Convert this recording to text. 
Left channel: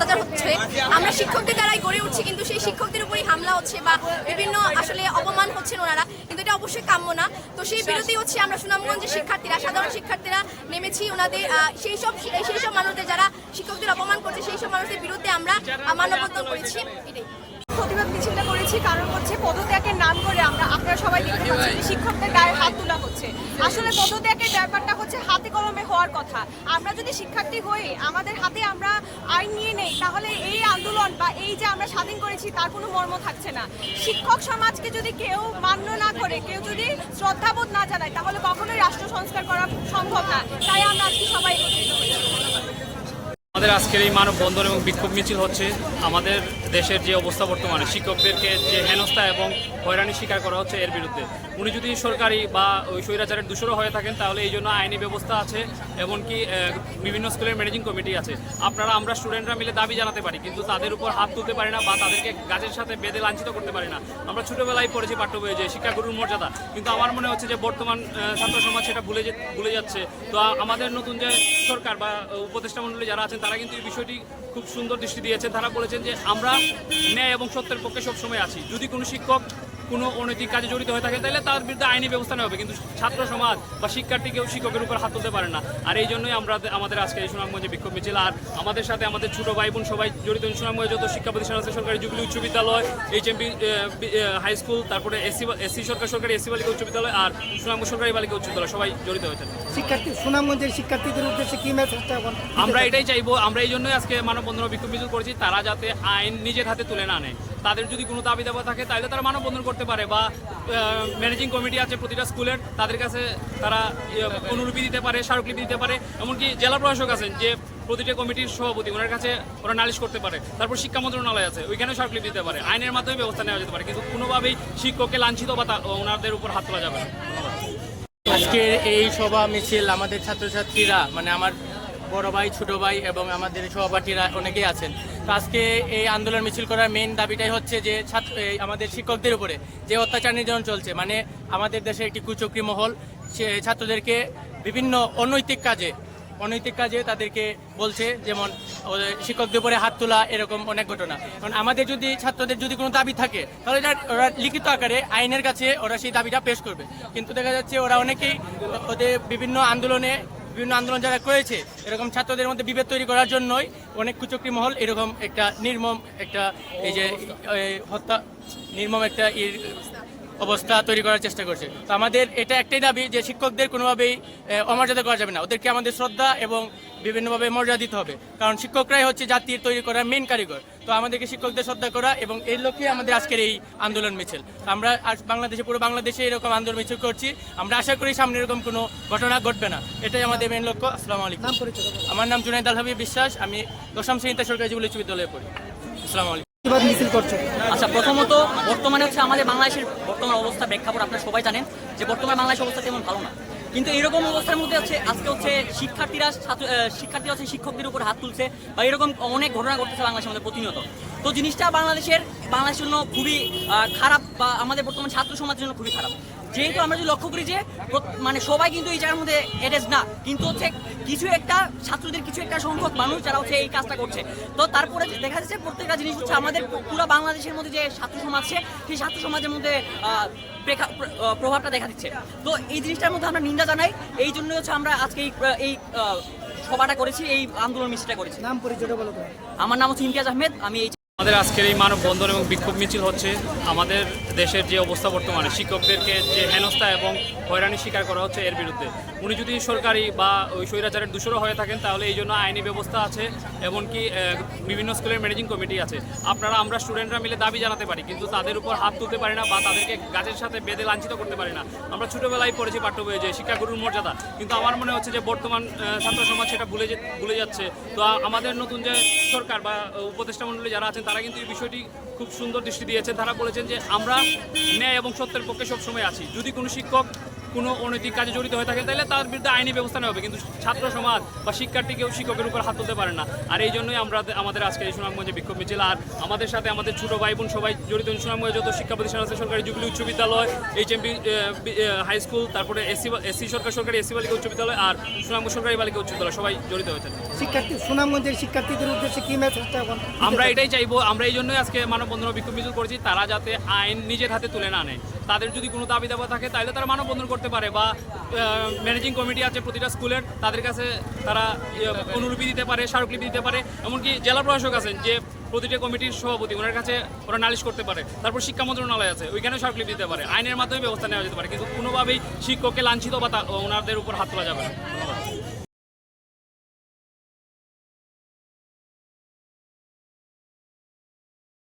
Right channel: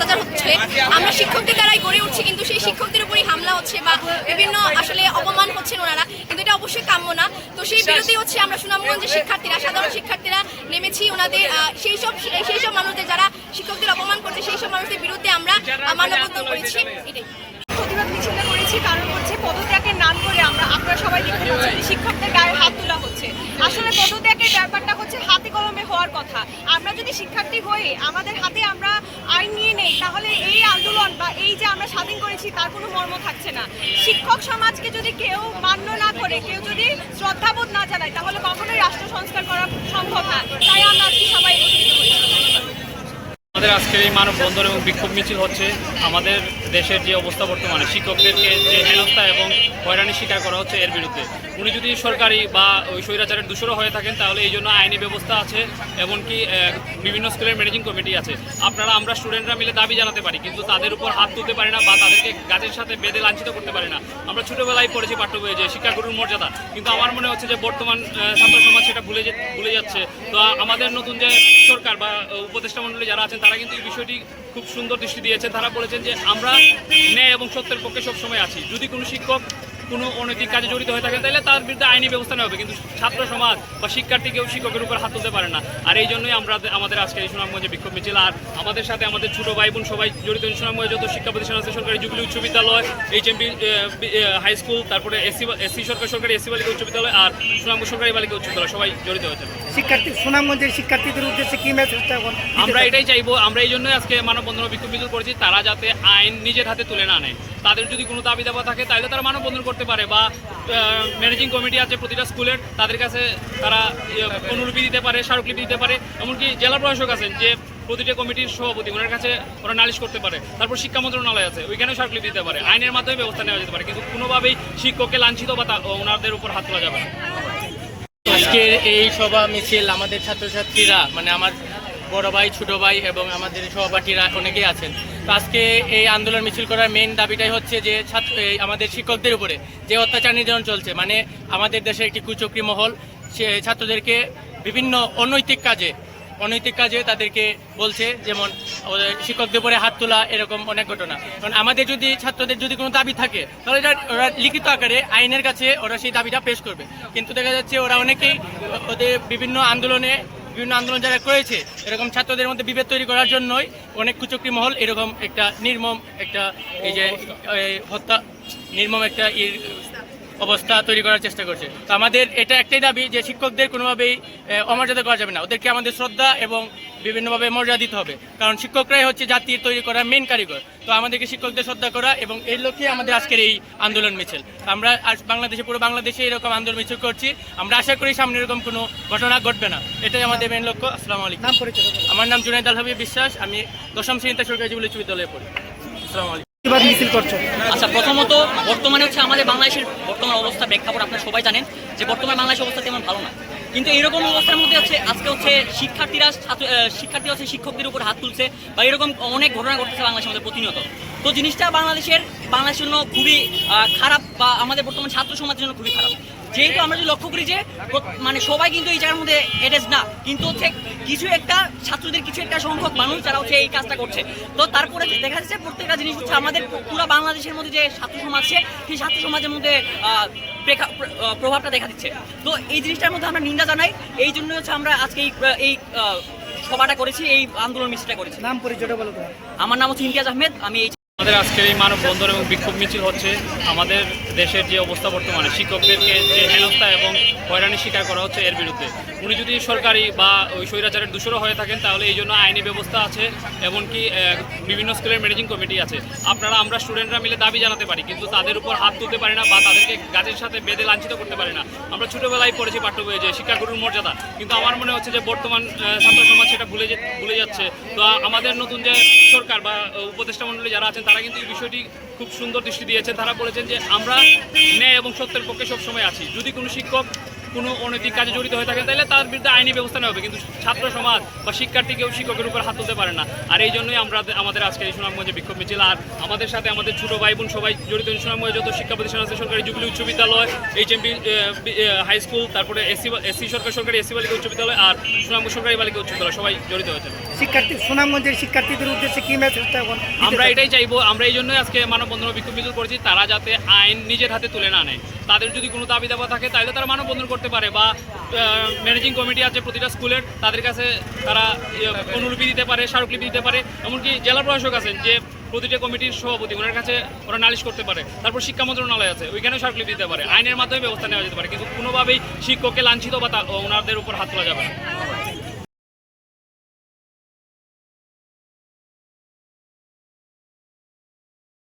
অত্যাচার হচ্ছে। আমরা শিক্ষকদের দ্বারাই গড়ে উঠছি, কিন্তু সেই শিক্ষকদের উপরই হামলা হচ্ছে বা বিভিন্ন আসলে অপমান হচ্ছেন ওনারা। কিন্তু এটা অবশ্যই কাম্য না। তো সেই বিরোধী হচ্ছে আমরা সুনামগঞ্জের শিক্ষার্থীরা, সাধারণ শিক্ষার্থীরা নেমেছি ওনাদের সেই সব সেই সব মানুষদের যারা শিক্ষকদের অপমান করছে, সেই সব মানুষদের বিরুদ্ধে আমরা মানবন্ধন করেছি। এটাই। করেছি কারণ হচ্ছে পদত্যাগের নাম করে আমরা আপনারা সবাই দেখতে পাচ্ছেন যে শিক্ষকদের গায়ে হাত তোলা হচ্ছে। আসলে পদত্যাগের ব্যাপারটা হচ্ছে হাতে কলমে হওয়ার কথা। আমরা যদি শিক্ষার্থী হয়ে আমাদের হাতে আমরা আইন নিয়ে নেই, তাহলে এই আন্দোলন বা এই যে আমরা স্বাধীন করেছি, তার কোনো মর্ম থাকছে না। শিক্ষক সমাজকে যদি কেউ মান্য না করে, কেউ যদি শ্রদ্ধাবোধ না জানায়, তাহলে কখনোই রাষ্ট্র সংস্কার করা সম্ভব না। তাই আমরা আজকে সবাই আমাদের আজকের এই মানববন্ধন এবং বিক্ষোভ মিছিল হচ্ছে। আমাদের দেশের যে অবস্থা বর্তমানে, শিক্ষকদেরকে যে হেনস্থা এবং হয়রানি স্বীকার করা হচ্ছে এর বিরুদ্ধে। উনি যদি সরকারি বা ওই স্বৈরাচারের দূষরও হয়ে থাকেন, তাহলে এই জন্য আইনি ব্যবস্থা আছে, এমনকি বিভিন্ন স্কুলের ম্যানেজিং কমিটি আছে। আপনারা, আমরা স্টুডেন্টরা মিলে দাবি জানাতে পারি, কিন্তু তাদের উপর হাত তুলতে পারি না বা তাদেরকে গাছের সাথে বেঁধে লাঞ্ছিত করতে পারি না। আমরা ছোটোবেলায় পড়েছি পাঠ্য বইয়ে যে শিক্ষাগুরুর মর্যাদা, কিন্তু আমার মনে হচ্ছে যে বর্তমান ছাত্র সমাজ সেটা ভুলে ভুলে যাচ্ছে। তো আমাদের নতুন যে সরকার বা উপদেষ্টা মণ্ডলী যারা আছেন, তারা কিন্তু এই বিষয়টি খুব সুন্দর দৃষ্টি দিয়েছেন। তারা বলেছেন যে আমরা ন্যায় এবং সত্যের পক্ষে সবসময় আছি। যদি কোনো শিক্ষক কোনো অনৈতিক কাজে জড়িত হয়ে থাকেন, তাহলে তার বিরুদ্ধে আইনি ব্যবস্থা নেওয়া হবে। কিন্তু ছাত্র সমাজ বা শিক্ষার্থী কেউ শিক্ষকের উপর হাত তুলতে পারে না। আর এই জন্যই আমরা আমাদের আজকে এই সুনামগঞ্জে বিক্ষোভ মিছিল, আর আমাদের সাথে আমাদের ছোট ভাই বোন সবাই জড়িত এই সুনামগঞ্জে যত শিক্ষা প্রতিষ্ঠান আছে, সরকারি জুবিলি উচ্চ বিদ্যালয় এইচ এম হাই স্কুল, তারপরে এসি এসি সরকার, সরকারি এসি বালিকা উচ্চ বিদ্যালয়, আর সুনামগঞ্জ সরকারি বালিকা উচ্চ বিদ্যালয়, সবাই জড়িত হয়েছে শিক্ষার্থী সুনামগঞ্জের শিক্ষার্থীদের উদ্দেশ্যে কি মেসেজটা এখন আমরা এটাই চাইব আমরা এই জন্যই আজকে মানববন্ধন বিক্ষোভ মিছিল করেছি তারা যাতে আইন নিজের হাতে তুলে না নেয়। তাদের যদি কোনো দাবি দাবা থাকে তাহলে তারা মানববন্ধন করতে পারে বা ম্যানেজিং কমিটি আছে প্রতিটা স্কুলের তাদের কাছে তারা ইয়ে, অনুলিপি দিতে পারে স্মারকলিপি দিতে পারে। এমনকি জেলা প্রশাসক আছেন যে প্রতিটা কমিটির সভাপতি ওনার কাছে ওরা নালিশ করতে পারে। তারপর শিক্ষা মন্ত্রণালয় আছে ওইখানেও স্মারকলিপি দিতে পারে। আইনের মাধ্যমে ব্যবস্থা নেওয়া যেতে পারে কিন্তু কোনোভাবেই শিক্ষককে লাঞ্ছিত বা ওনাদের উপর হাত তোলা যাবে না। আজকের এই সভা মিছিল আমাদের ছাত্রছাত্রীরা মানে আমার বড় ভাই, ছোটো ভাই এবং আমাদের সহপাঠীরা অনেকেই আছেন। তো আজকে এই আন্দোলন মিছিল করার মেন দাবিটাই হচ্ছে যে ছাত্র আমাদের শিক্ষকদের উপরে যে অত্যাচার নির্যাতন চলছে মানে আমাদের দেশের একটি কুচক্রি মহল, সে ছাত্রদেরকে বিভিন্ন অনৈতিক কাজে অনৈতিক কাজে তাদেরকে বলছে, যেমন শিক্ষকদের উপরে হাত তোলা এরকম অনেক ঘটনা। কারণ আমাদের যদি, ছাত্রদের যদি কোনো দাবি থাকে, তাহলে এটা, ওরা লিখিত আকারে আইনের কাছে ওরা সেই দাবিটা পেশ করবে। কিন্তু দেখা যাচ্ছে ওরা অনেকেই ওদের বিভিন্ন আন্দোলনে, বিভিন্ন আন্দোলন যারা করেছে, এরকম ছাত্রদের মধ্যে বিভেদ তৈরি করার জন্যই অনেক কুচক্রী মহল এরকম একটা নির্মম একটা এই যে হত্যা, নির্মম একটা ইর অবস্থা তৈরি করার চেষ্টা করছে। তো আমাদের এটা একটাই দাবি যে শিক্ষকদের কোনোভাবেই অমর্যাদা করা যাবে না। ওদেরকে আমাদের শ্রদ্ধা এবং বিভিন্নভাবে মর্যাদা দিতে হবে। কারণ শিক্ষকরাই হচ্ছে জাতির তৈরি করার মেন কারিগর। তো আমাদেরকে শিক্ষকদের শ্রদ্ধা করা এবং এই লক্ষ্যে আমাদের আজকের এই আন্দোলন মিছিল। আমরা আজ বাংলাদেশে পুরো বাংলাদেশে এরকম আন্দোলন মিছিল করছি। আমরা আশা করি সামনে এরকম কোনো ঘটনা ঘটবে না। এটাই আমাদের মেন লক্ষ্য। আসসালামু আলাইকুম। আমার নাম জুনাইদ আল হাবিব বিশ্বাস। আমি দশম শ্রেণীতে সরকারি জীবন বিশ্ববিদ্যালয়ে পড়ি। আসসালামু আলাইকুম। প্রতিবাদ মিছিল করছ? আচ্ছা প্রথমত বর্তমানে হচ্ছে আমাদের বাংলাদেশের বর্তমান অবস্থা প্রেক্ষাপট আপনারা সবাই জানেন যে বর্তমান বাংলাদেশের অবস্থা তেমন ভালো না। কিন্তু এরকম অবস্থার মধ্যে হচ্ছে, আজকে হচ্ছে শিক্ষার্থীরা ছাত্র শিক্ষার্থীরা হচ্ছে শিক্ষকদের উপর হাত তুলছে বা এরকম অনেক ঘটনা ঘটতেছে বাংলাদেশের মধ্যে প্রতিনিয়ত। তো জিনিসটা বাংলাদেশের বাংলাদেশের জন্য খুবই খারাপ বা আমাদের বর্তমান ছাত্র সমাজের জন্য খুবই খারাপ। যেহেতু আমরা যদি লক্ষ্য করি যে মানে সবাই কিন্তু এই জায়গার মধ্যে এডেজ না কিন্তু হচ্ছে কিছু একটা ছাত্রদের কিছু একটা সংখ্যক মানুষ যারা হচ্ছে এই কাজটা করছে। তো তারপরে দেখা যাচ্ছে প্রত্যেকটা জিনিস হচ্ছে আমাদের পুরো বাংলাদেশের মধ্যে যে ছাত্র সমাজ আছে সেই ছাত্র সমাজের মধ্যে প্রভাবটা দেখা দিচ্ছে। তো এই জিনিসটার মধ্যে আমরা নিন্দা জানাই এই জন্য হচ্ছে আমরা আজকে এই সভাটা করেছি এই আন্দোলন মিছিলটা করেছি। নাম পরিচয়টা বলো তোমার। আমার নাম হচ্ছে ইমতিয়াজ আহমেদ আমি এই আমাদের আজকের এই মানববন্ধন এবং বিক্ষোভ মিছিল হচ্ছে আমাদের দেশের যে অবস্থা বর্তমানে, শিক্ষকদেরকে যে হেনস্থা এবং হয়রানি স্বীকার করা হচ্ছে এর বিরুদ্ধে। উনি যদি সরকারি বা ওই স্বৈরাচারের দূষরও হয়ে থাকেন, তাহলে এই জন্য আইনি ব্যবস্থা আছে এমনকি বিভিন্ন স্কুলের ম্যানেজিং কমিটি আছে। আপনারা, আমরা স্টুডেন্টরা মিলে দাবি জানাতে পারি, কিন্তু তাদের উপর হাত তুলতে পারি না বা তাদেরকে গাছের সাথে বেঁধে লাঞ্ছিত করতে পারি না। আমরা ছোটবেলায় পড়েছি পাঠ্য বইয়ে যে শিক্ষাগুরুর মর্যাদা, কিন্তু আমার মনে হচ্ছে যে বর্তমান ছাত্র সমাজ সেটা ভুলে ভুলে যাচ্ছে। তো আমাদের নতুন যে সরকার বা উপদেষ্টা মণ্ডলী যারা আছেন তারা কিন্তু এই বিষয়টি খুব সুন্দর দৃষ্টি দিয়েছেন তারা বলেছেন যে আমরা ন্যায় এবং সত্যের পক্ষে সবসময় আছি। যদি কোনো শিক্ষক কোনো অনৈতিক কাজে জড়িত হয়ে থাকেন তাহলে তার বিরুদ্ধে আইনি ব্যবস্থা নেওয়া হবে। কিন্তু ছাত্র সমাজ বা শিক্ষার্থী কেউ শিক্ষকের উপর হাত তুলতে পারে না। আর এই জন্যই আমরা আমাদের আজকে এই সুনামগঞ্জে বিক্ষোভ মিছিল। আর আমাদের সাথে আমাদের ছোট ভাই বোন সবাই জড়িত সুনামগঞ্জে যত শিক্ষা প্রতিষ্ঠান আছে সরকারি জুবিলি উচ্চ বিদ্যালয় এইচ এম হাই স্কুল তারপরে এসসি এসসি সরকার সরকারি এসসি বালিকা উচ্চ বিদ্যালয় আর সুনামগঞ্জ সরকারি বালিকা উচ্চ বিদ্যালয় সবাই জড়িত হয়েছে। শিক্ষার্থী সুনামগঞ্জের শিক্ষার্থীদের উদ্দেশ্যে কি মেসেজটা এখন আমরা এটাই চাইব আমরা এই জন্যই আজকে মানববন্ধন ও বিক্ষোভ মিছিল করেছি। তারা যাতে আইন নিজের হাতে তুলে না নেয়। তাদের যদি কোনো দাবি দাবা থাকে তাহলে তারা মানববন্ধন করতে পারে বা ম্যানেজিং কমিটি আছে প্রতিটা স্কুলের, তাদের কাছে তারা অনুলিপি দিতে পারে, স্মারকলিপি দিতে পারে। এমনকি জেলা প্রশাসক আছেন যে প্রতিটা কমিটির সভাপতি, ওনার কাছে ওরা নালিশ করতে পারে। তারপর শিক্ষা মন্ত্রণালয় আছে ওইখানে স্মারকলিপি দিতে পারে। আইনের মাধ্যমে ব্যবস্থা নেওয়া যেতে পারে, কিন্তু কোনোভাবেই শিক্ষককে লাঞ্ছিত বা ওনাদের উপর হাত তোলা যাবে না।